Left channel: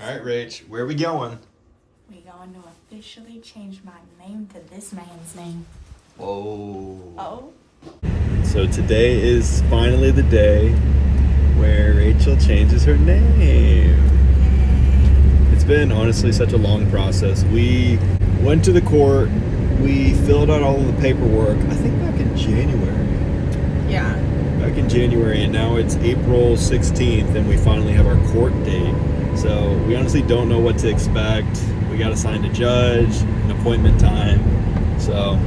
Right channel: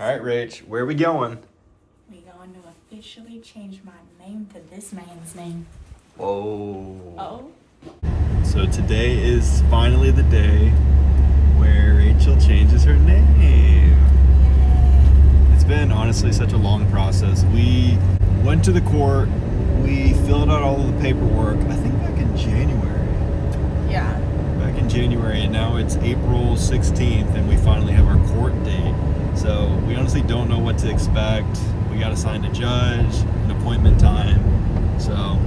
All right, Rach, where are we going? We going to officially change my name to this man's name. Whoa. Oh. So today is finally the day where Rachel changes her name. It's been honestly such a long process. We went to the court, we filled out all of the paperwork, I think back in January. Yeah. Back in January, and now it's April 16th, and we finally have our court date. So we honestly don't know what to expect. We got assigned a judge, an appointment time. So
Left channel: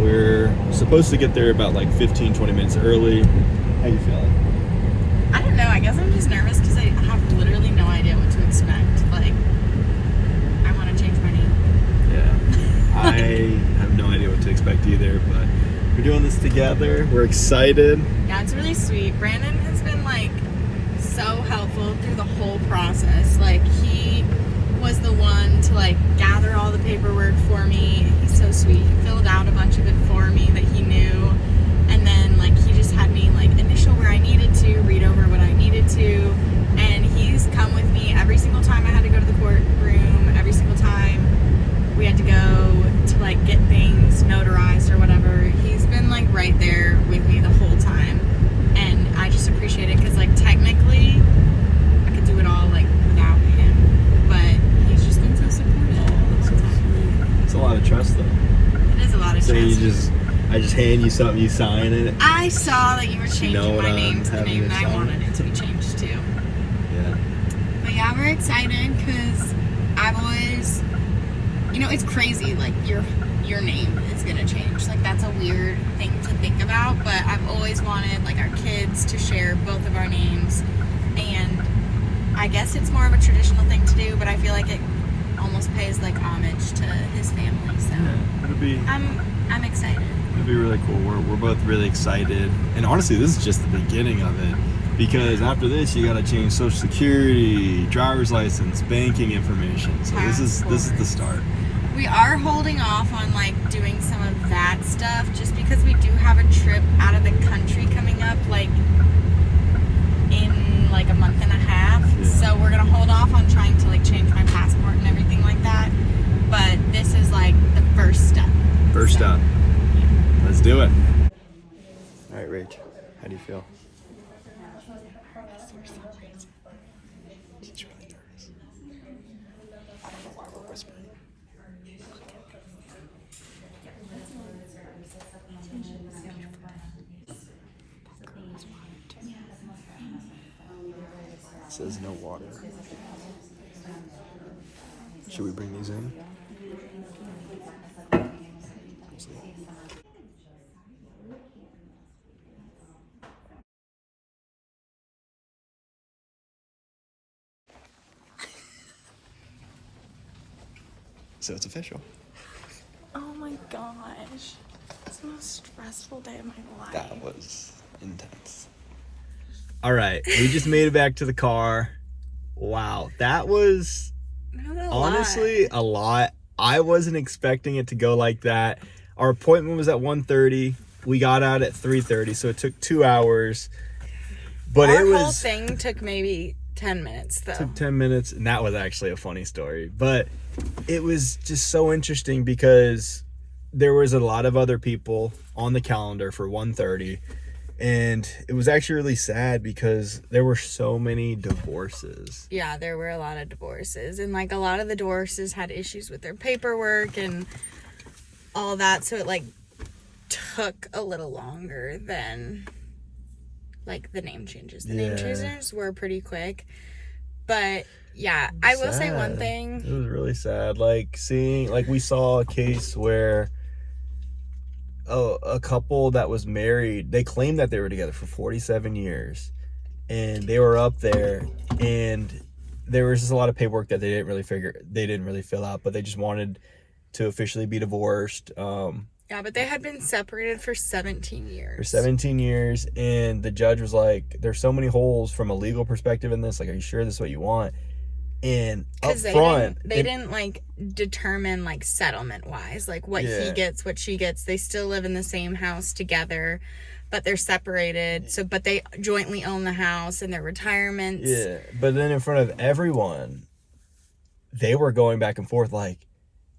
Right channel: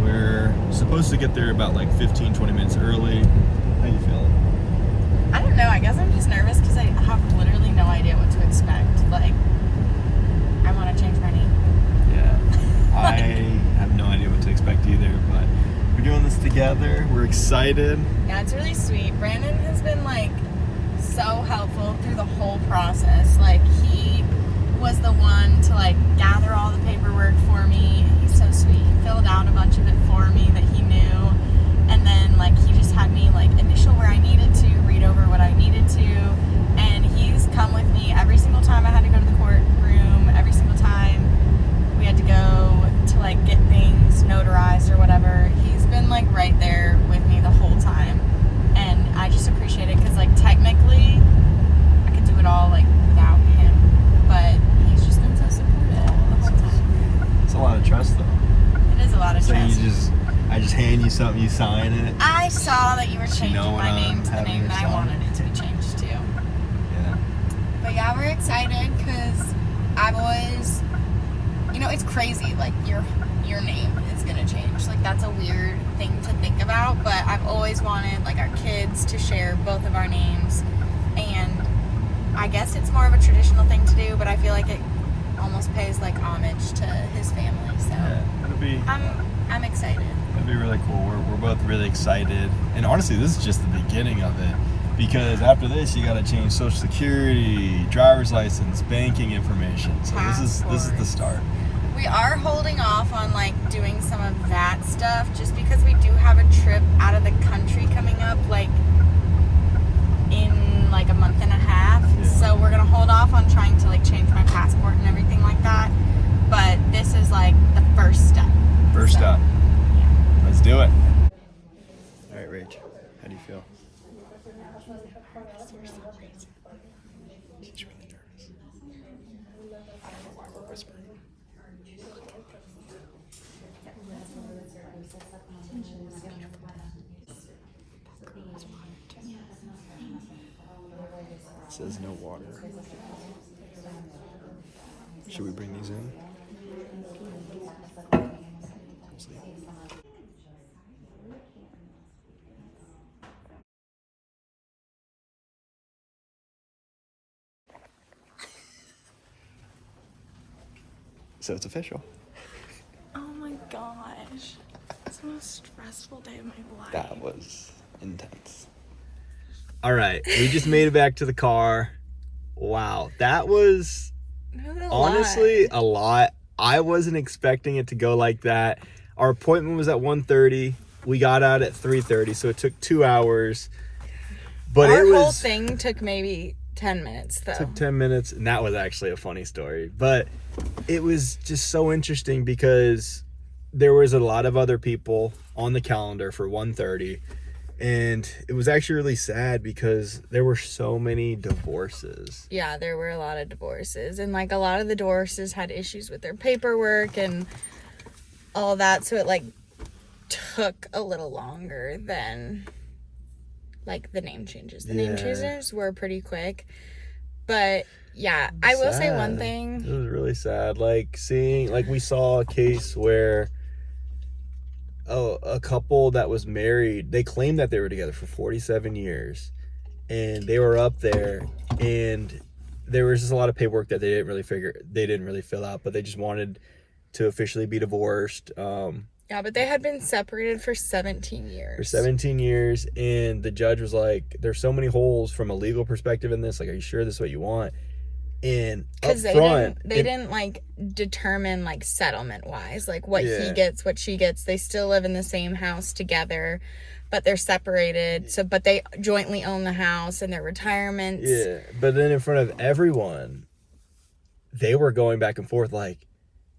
we're supposed to get there about like 15, 20 minutes early. How you feeling? I don't know. I guess I'm just nervous because I have literally no idea what to expect. Like, I want to change my name. Yeah. I have no idea what to expect either, but we're doing this together. We're excited. Yeah, it's really sweet. Brandon has been like so helpful through the whole process. Like, he was the one to like gather all the paperwork for me. So sweet. He filled out a bunch of it for me that he knew, and then like he just had me like initial where I needed to, read over what I needed to, and he's come with me every single time I had to go to the courtroom, every single time we had to go to like get things notarized or whatever. He's been like right there with me the whole time, and I just appreciate it because like technically I could do it all like without him, but he's just been so supportive the whole time. It's a lot of trust though. It is a lot of So trust. I just hand you something, you sign it. I saw that you were changing my name to the name that I wanted it to be changed to. Yeah. But yeah, we're excited because I've always, it's crazy. Like your name is gonna change. Like that's a weird thing to think about. But I've always wanted like our kids to share both of our names, and I guess it's more of a traditional thing to do. But I feel like it almost pays like homage to his family. So Yeah, it'll be. I'm excited. It'll be really cool. We're both really excited, and honestly, this is just the beginning of it. Because after this, you got to change Social Security, driver's license, banking information. So this is the start. We are holding off on like doing some of that stuff just because we do have a trip out of the country coming up like in like a month and a half. Yeah. So we're gonna hold off on trying to like change my passport and everything like that. But this is like the first step. First step. Let's do it. All right, Rach. How do you feel? She's really nervous. I don't know why we're whispering. It says no water. Should we bring these in? Let's see. So it's official. Oh my gosh. It's the most stressful day of my life. That was intense. All right, we just made it back to the car. Wow, that was honestly a lot. I wasn't expecting it to go like that. Our appointment was at 1:30. We got out at 3:30, so it took 2 hours. But Our it was whole thing took maybe 10 minutes though. took 10 minutes, and that was actually a funny story. But it was just so interesting because there was a lot of other people on the calendar for 1:30. And it was actually really sad because there were so many divorces. Yeah, there were a lot of divorces. And, like, a lot of the divorces had issues with their paperwork and all that. So it, like, took a little longer than, like, the name changes. The name changes were pretty quick. But, yeah, I will say one thing. It was really sad. Like, we saw a case where a couple that was married, they claimed that they were together for 47 years, and they were up there, and there was just a lot of paperwork that they didn't really fill out, but they just wanted to officially be divorced. Yeah, but they had been separated for 17 years. For 17 years, and the judge was like, there's so many holes from a legal perspective in this. Like, are you sure this is what you want? And up front, they didn't like determine like settlement wise, like what he gets, what she gets. They still live in the same house together, but they're separated. So, but they jointly own the house and their retirements. Yeah, but then in front of everyone, they were going back and forth like,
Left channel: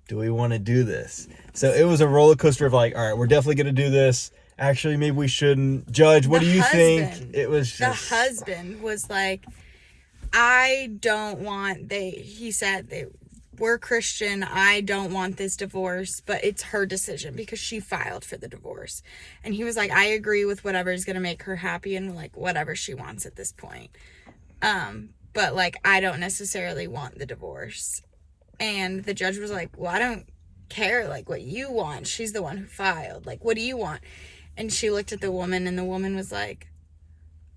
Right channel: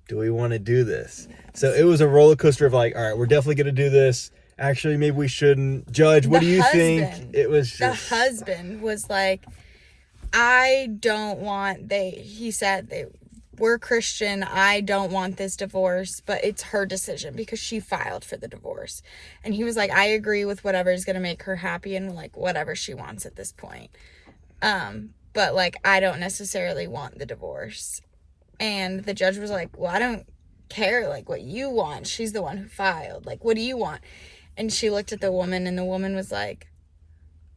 do we want to do this? So it was a roller coaster of like, all right, we're definitely going to do this. Actually, maybe we shouldn't. Judge, what do you think? It was just... The husband was like, I don't want, he said, we're Christian, I don't want this divorce, but it's her decision because she filed for the divorce. And he was like, I agree with whatever is going to make her happy and like whatever she wants at this point. But like, I don't necessarily want the divorce. And the judge was like, well, I don't care like what you want. She's the one who filed. Like, what do you want? And she looked at the woman, and the woman was like,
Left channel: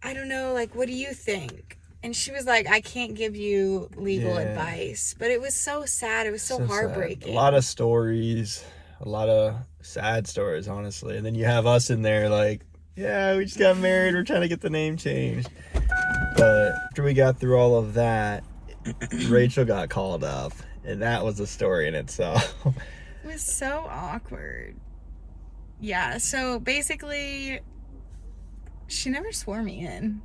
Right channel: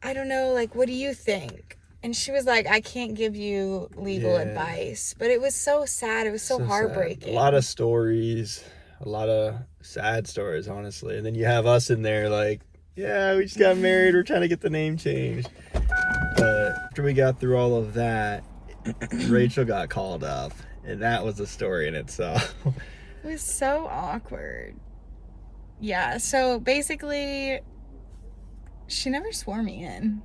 I don't know, like, what do you think? And she was like, I can't give you legal advice. But it was so sad. It was so heartbreaking. Sad. A lot of stories, a lot of sad stories, honestly. And then you have us in there like, yeah, we just got married. We're trying to get the name changed. But after we got through all of that, Rachel got called up. And that was a story in itself. It was so awkward. Yeah, so basically, she never swore me in.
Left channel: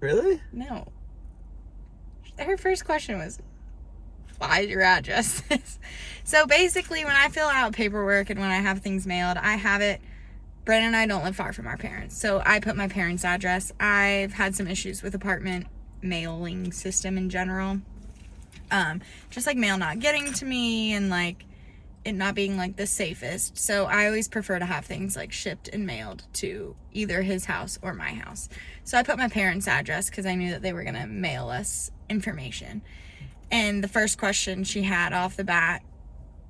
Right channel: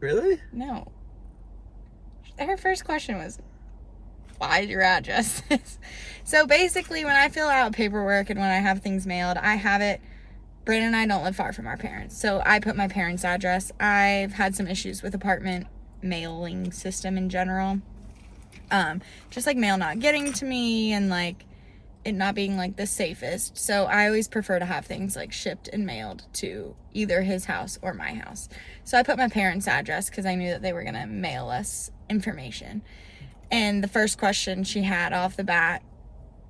Really? No. Her first question was, why is your address this? So basically, when I fill out paperwork and when I have things mailed, I have it. Brandon and I don't live far from our parents, so I put my parents' address. I've had some issues with apartment mailing system in general. Just like mail not getting to me and like it not being like the safest. So I always prefer to have things like shipped and mailed to either his house or my house. So I put my parents' address because I knew that they were going to mail us information. And the first question she had off the bat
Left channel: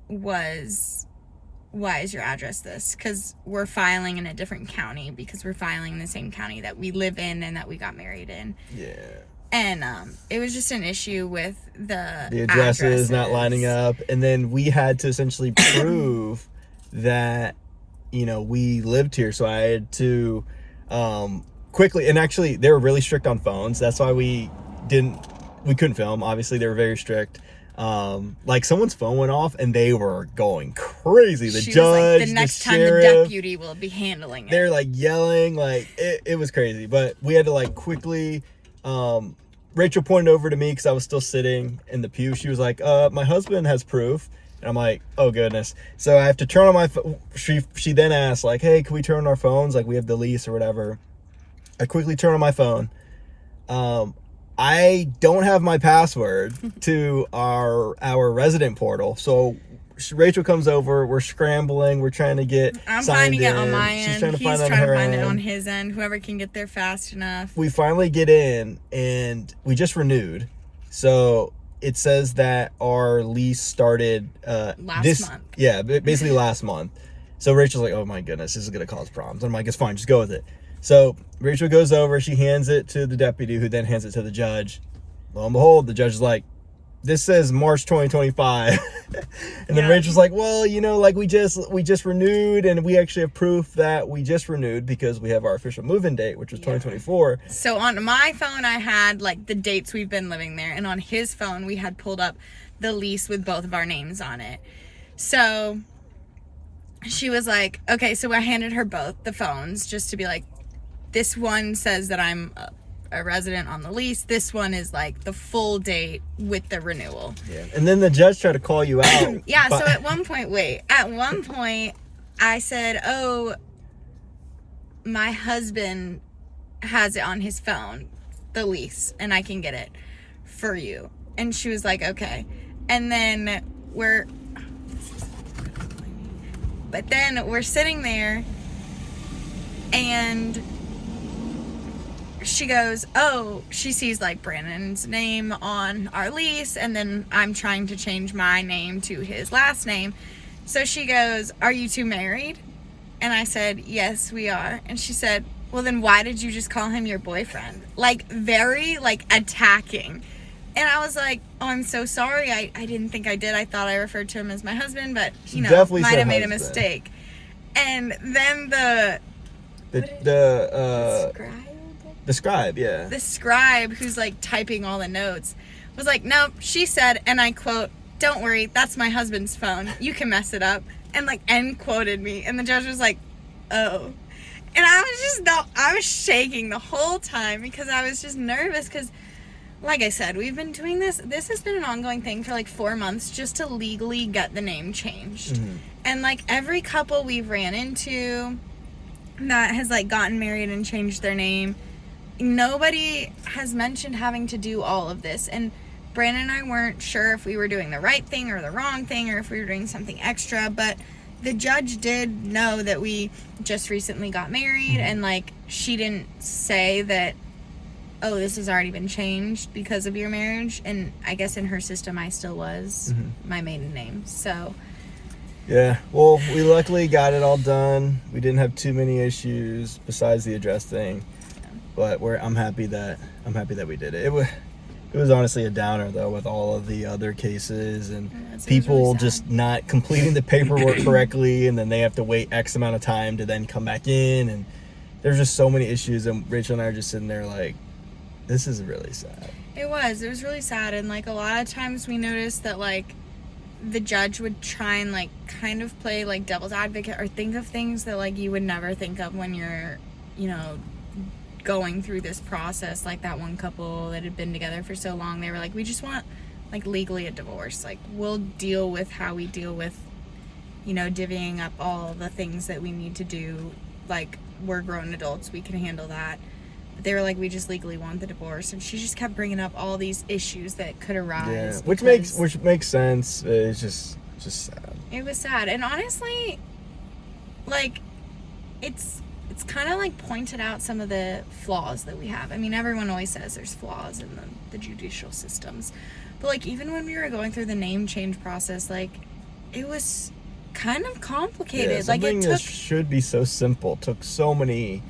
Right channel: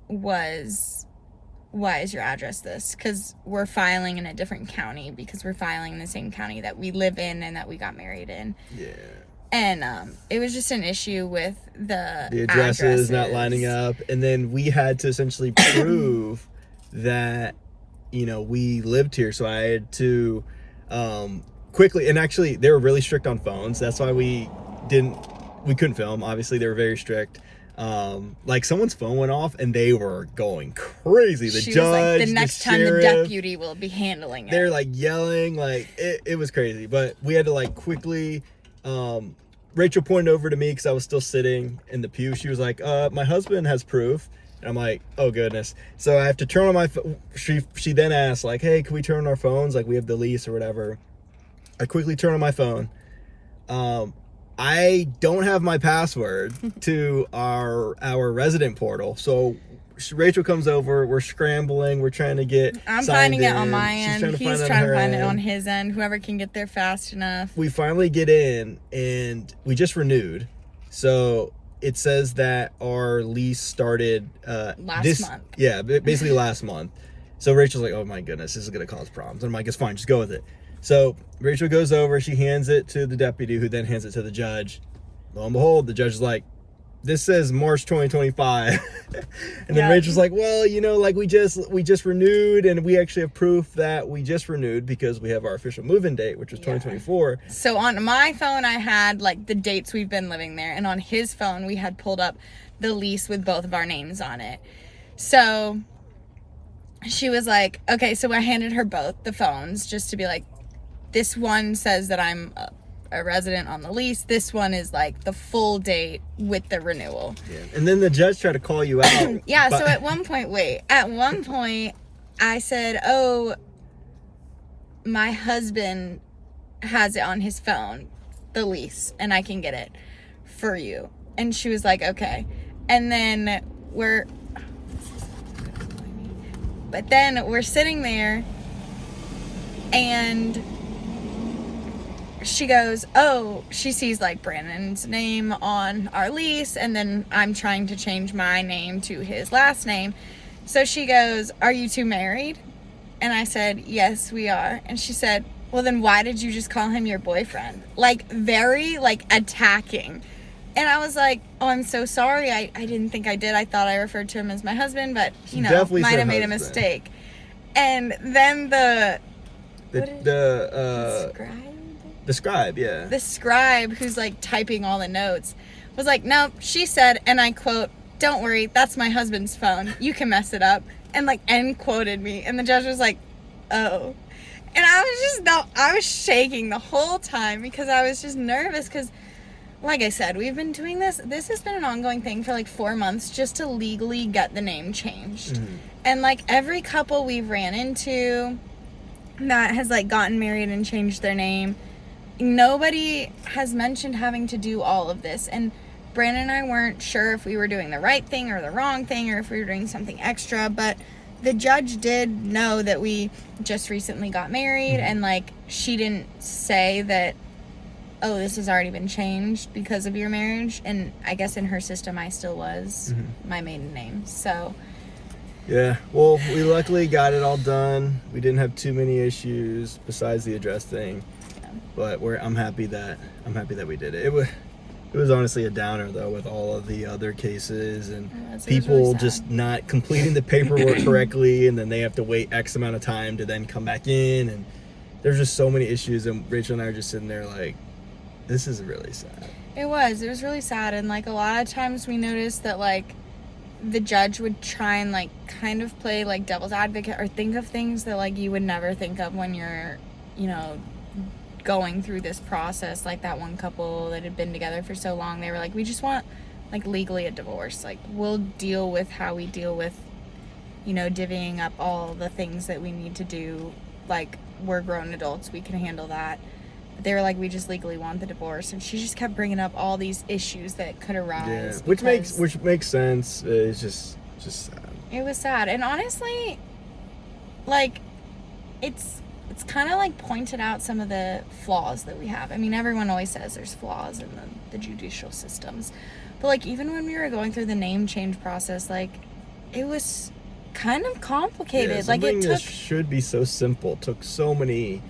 was, why is your address this? Because we're filing in a different county because we're filing in the same county that we live in and that we got married in. Yeah. And it was just an issue with the addresses not lining up. And then we had to essentially prove that, you know, we lived here. So I had to quickly, and actually they were really strict on phones. That's why we couldn't film. Obviously they were very strict. Like someone's phone went off and they were going crazy. The judge, like, the next time sheriff, the deputy will be handling it. They're like yelling, like it was crazy. But we had to like quickly, Rachel pointed over to me because I was still sitting in the pew. She was like, my husband has proof. And I'm like, oh goodness. So I have to turn on my phone. She then asked like, hey, can we turn on our phones? Like we have the lease or whatever. I quickly turn on my phone. I don't have my password to our resident portal. So Rachel comes over. We're scrambling. We're trying to get I'm signed finding in. it on my end. She's trying to He's find it on trying her to find end. it on his end. Whoever can get there fast enough. We finally get in, and we just renewed. So it says that our lease started last month. Yeah, basically last month. So Rachel's like, oh my goodness, this is going to cause problems. I'm like, it's fine. Just go with it. So Rachel goes over. She hands it to the deputy, who then hands it to the judge. Lo and behold, the judge is like, this says March 2025. And then Rachel's like, well, you know, like we just renewed, and we actually have proof that we just renewed because we have our official move-in date, which was 2024. So on my phone, I had like the dates we've been living there, and on his phone, we had pulled up the lease with both of our names on it. So she was like, okay, so I handed her both the phones just to be like, this one says that I'm a resident on the lease. This one is like the full date with the renewal. Yeah. And then the judge tried to call you out. Yeah, so at one point I said, oh, my husband has it on his phone, the lease, and I can get it for you. And she was like, okay. And then we're sitting there, and she goes, oh, she sees like Brandon's name on our lease, and then I'm trying to change my name to his last name. So she goes, are you two married? And I said, yes, we are. And she said, well, then why did you just call him your boyfriend? Like very like attacking. And I was like, oh, I'm so sorry. I didn't think I did. I thought I referred to him as my husband, but you know, might have made a mistake. And then the scribe, yeah. The scribe, who's like typing all the notes, was like, no, she said, and I quote, don't worry, that's my husband's phone. You can mess it up. And like end quoted me. And the judge was like, oh. And I was shaking the whole time because I was just nervous because like I said, we've been doing this. This has been an ongoing thing for like 4 months just to legally get the name changed. Mm-hmm. And like every couple we've ran into that has like gotten married and changed their name, nobody has mentioned having to do all of this. And Brandon and I weren't sure if we were doing the right thing or the wrong thing or if we were doing something extra, but the judge did know that we just recently got married, and like she didn't say that, oh, this has already been changed because of your marriage. And I guess in her system I still was my maiden name. So yeah, well, we luckily got it all done. We didn't have too many issues besides the address thing, but I'm happy that we did it. It was honestly a downer though, with all of the other cases and people really just not completing the paperwork correctly, and then they have to wait X amount of time to then come back in, and there's just so many issues. And Rachel and I are just sitting there like, this is really sad. It was really sad. And like a lot of times we noticed that like the judge would try and like kind of play like devil's advocate or think of things that like you would never think of when you're, you know, going through this process. Like that one couple that had been together for so long, they were like, we just want like legally a divorce. Like we'll deal with how we deal with, you know, divvying up all the things that we need to do. Like we're grown adults, we can handle that. But they were like, we just legally want the divorce. And she just kept bringing up all these issues that could arise. Yeah, which makes sense. It's just sad. It was sad. And honestly, like it's kind of like pointed out some of the flaws that we have. I mean, everyone always says there's flaws in the judicial systems. But like even when we were going through the name change process, like it was kind of complicated. Yeah, something like that should be so simple took so many,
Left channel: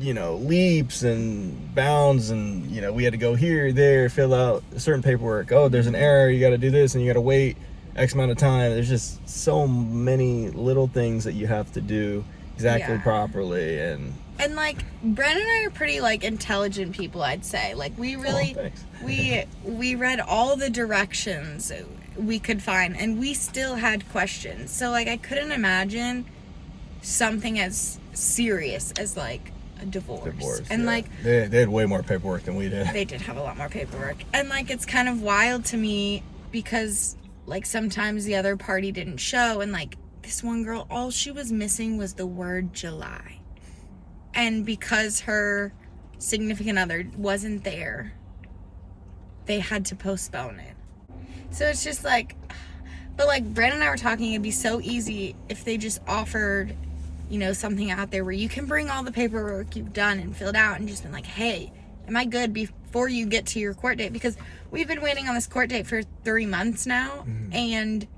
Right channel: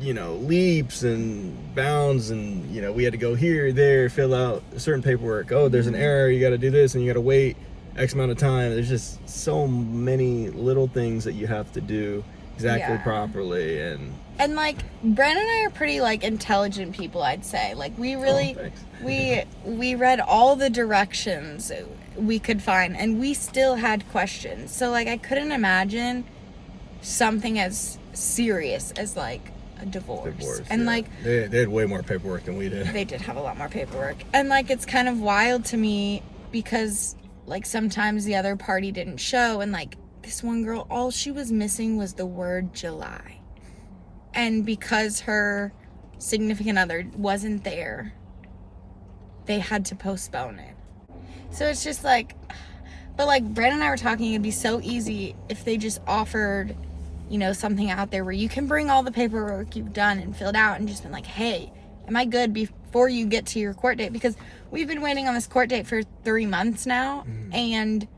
you know, leaps and bounds, and you know, we had to go here, there, fill out certain paperwork. Oh, there's an error, you got to do this, and you got to wait X amount of time. There's just so many little things that you have to do exactly properly. And like Brandon and I are pretty like intelligent people, I'd say. Like we really we read all the directions we could find, and we still had questions. So like I couldn't imagine something as serious as like a divorce. And like they had way more paperwork than we did. They did have a lot more paperwork. And like it's kind of wild to me because like sometimes the other party didn't show, and like this one girl, all she was missing was the word July. And because her significant other wasn't there, they had to postpone it. So it's just like, but like Brandon and I were talking, it'd be so easy if they just offered, you know, something out there where you can bring all the paperwork you've done and filled out and just been like, hey, am I good before you get to your court date? Because we've been waiting on this court date for 3 months now, and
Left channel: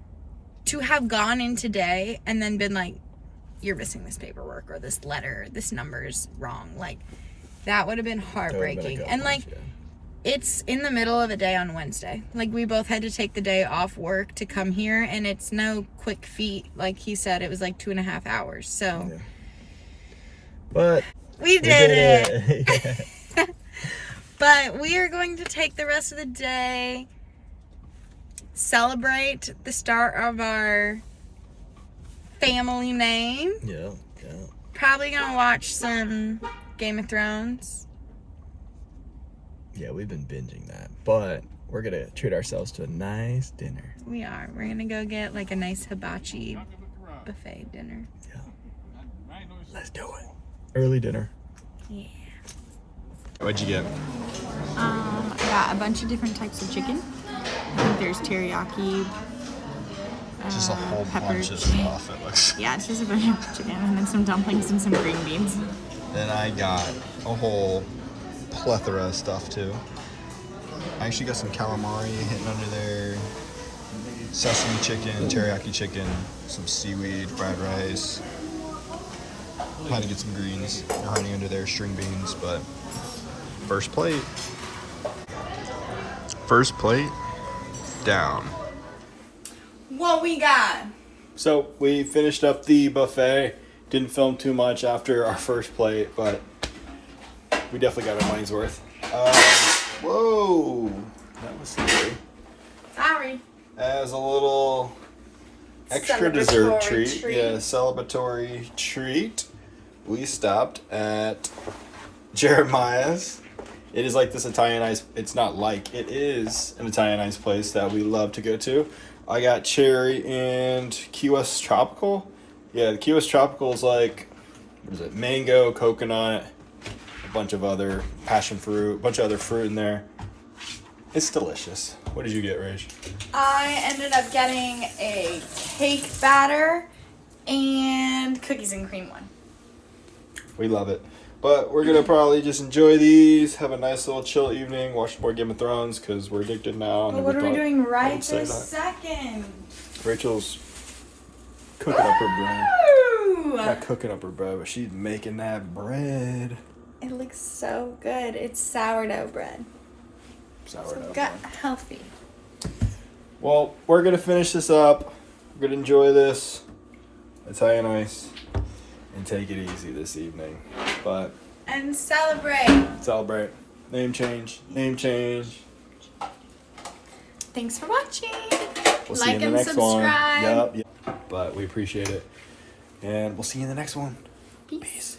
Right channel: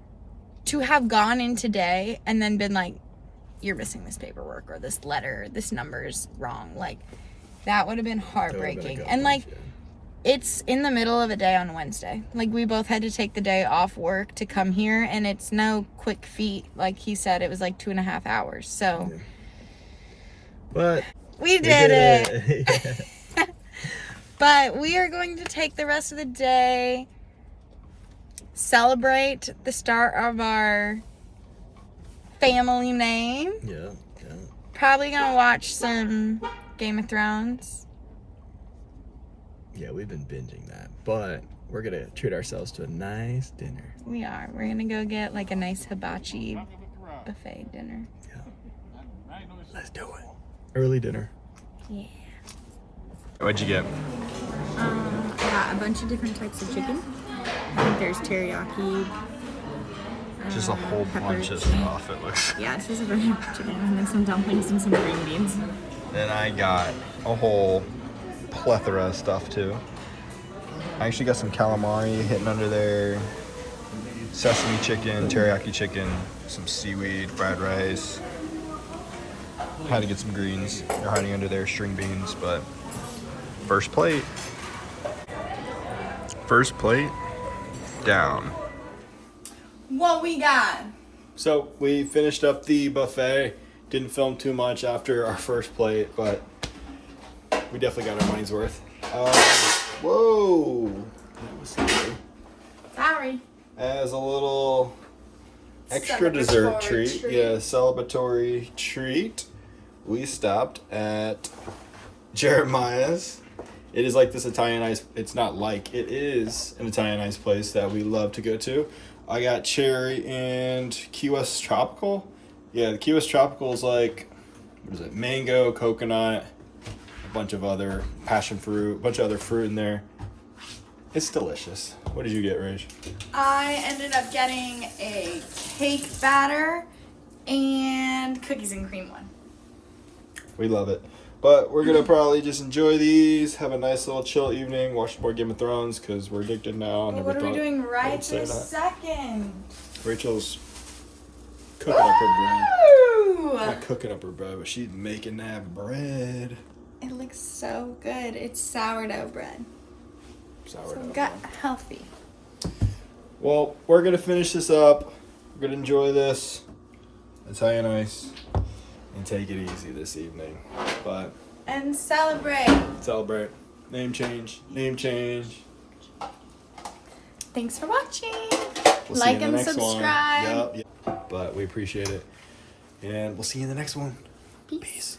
to have gone in today and then been like, you're missing this paperwork or this letter, this number's wrong, like that would have been heartbreaking. And like it's in the middle of the day on Wednesday. Like we both had to take the day off work to come here, and it's no quick feat. Like he said, it was like 2.5 hours. So but we did it. But we are going to take the rest of the day, celebrate the start of our family name. Yeah. Probably gonna watch some Game of Thrones. Yeah, we've been binging that, but we're gonna treat ourselves to a nice dinner. We are. We're gonna go get like a nice hibachi buffet dinner. Yeah. Let's do it. Early dinner. Yeah. What'd you get? I got a bunch of different types of chicken. I think there's teriyaki. Just a whole bunch of chicken. stuff, it looks. Yeah, it's just a bunch of chicken, and then some dumplings and some green beans. And I got a whole plethora of stuff too. I actually got some calamari hitting under there, sesame chicken, teriyaki chicken, some seaweed, fried rice. Had to get some greens. They're hiding under there, string beans, but first plate down. What we got? So we finished up the buffet. Didn't film too much after our first plate, but we definitely got our money's worth. Whoa, that was scary. Sorry. As a little extra dessert treat, celebratory treat, we stopped at Jeremiah's It is like this Italian ice. It's not like, it is an Italian ice place that we love to go to. I got cherry and Key West Tropical. Yeah, the Key West Tropical is like, what is it? Mango, coconut, a bunch of other passion fruit, a bunch of other fruit in there. It's delicious. What did you get, Rach? I ended up getting a cake batter and cookies and cream one. We love it. But we're going to probably just enjoy these, have a nice little chill evening, watch more Game of Thrones because we're addicted now. What are we doing right this second? Rachel's cooking up her bread. Woo! Not cooking up her bread, but she's making that bread. It looks so good. It's sourdough bread. Sourdough. So gut healthy. Well, we're going to finish this up. We're going to enjoy this Italian ice and take it easy this evening. But and celebrate. Celebrate. Name change. Name change. Thanks for watching. We'll see you in the next subscribe. one. Yep. But we appreciate it. And we'll see you in the next one. Peace. Peace.